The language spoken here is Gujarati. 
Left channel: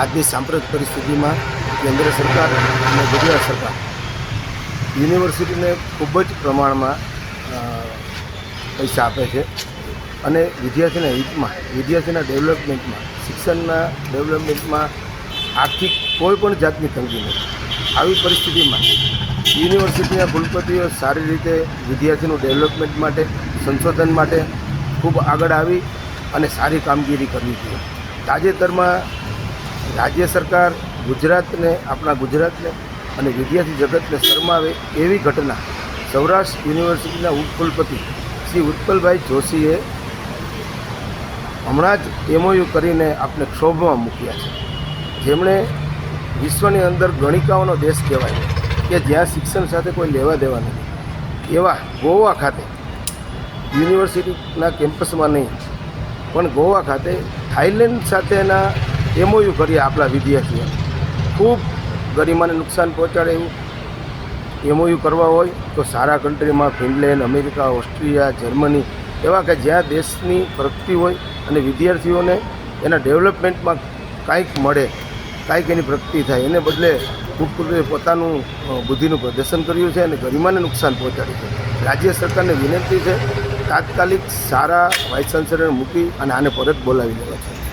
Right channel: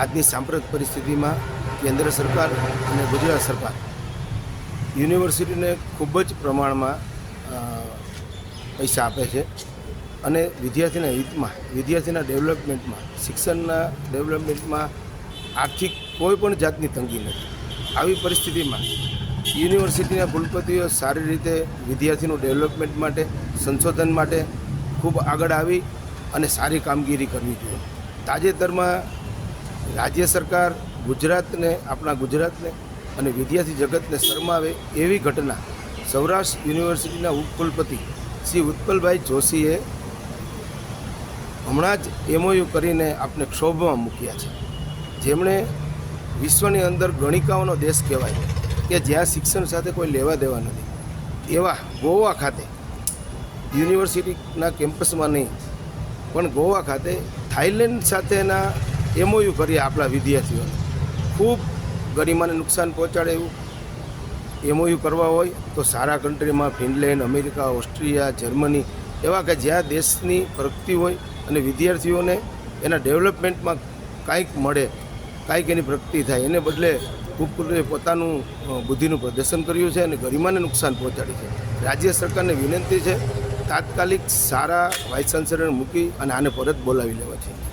આજની સાંપ્રત પરિસ્થિતિમાં કેન્દ્ર સરકાર અને ગુજરાત સરકાર યુનિવર્સિટીને ખૂબ જ પ્રમાણમાં પૈસા આપે છે અને વિદ્યાર્થીના હિતમાં, વિદ્યાર્થીના ડેવલપમેન્ટમાં, શિક્ષણના ડેવલપમેન્ટમાં આર્થિક કોઈ પણ જાતની તંગી નથી. આવી પરિસ્થિતિમાં યુનિવર્સિટીના કુલપતિઓ સારી રીતે વિદ્યાર્થીનું ડેવલપમેન્ટ માટે, સંશોધન માટે ખૂબ આગળ આવી અને સારી કામગીરી કરવી જોઈએ. તાજેતરમાં રાજ્ય સરકાર આપણા ગુજરાતને અને વિદ્યાર્થી જગતને શરમાવે એવી ઘટના સૌરાષ્ટ્ર યુનિવર્સિટીના ઉપકુલપતિ શ્રી ઉત્પલભાઈ જોશીએ હમણાં જ MOU કરીને આપને ક્ષોભમાં મૂક્યા છે. જેમણે વિશ્વની અંદર ગણિકાઓનો દેશ કહેવાય કે જ્યાં શિક્ષણ સાથે કોઈ લેવા દેવા નથી, એવા ગોવા ખાતે યુનિવર્સિટીના કેમ્પસમાં નહીં પણ ગોવા ખાતે થાઈલેન્ડ સાથેના MOU કર્યા આપણા વિદ્યાર્થીઓ. ખૂબ ગરિમાને નુકસાન પહોંચાડે એવું MOU કરવા હોય તો સારા કન્ટ્રીમાં ફિનલેન્ડ, અમેરિકા, ઓસ્ટ્રિયા, જર્મની એવા કે જ્યાં દેશની પ્રગતિ હોય અને વિદ્યાર્થીઓને એના ડેવલપમેન્ટમાં કાંઈક મળે, કાંઈક એની પ્રગતિ થાય. એને બદલે ઉપકુલપતિએ પોતાનું બુદ્ધિનું પ્રદર્શન કર્યું છે અને ગરિમાને નુકસાન પહોંચાડ્યું છે. રાજ્ય સરકારને વિનંતી છે તાત્કાલિક સારા વાઇસ ચાન્સલરને મૂકી અને આને પરત બોલાવી લેવા છે.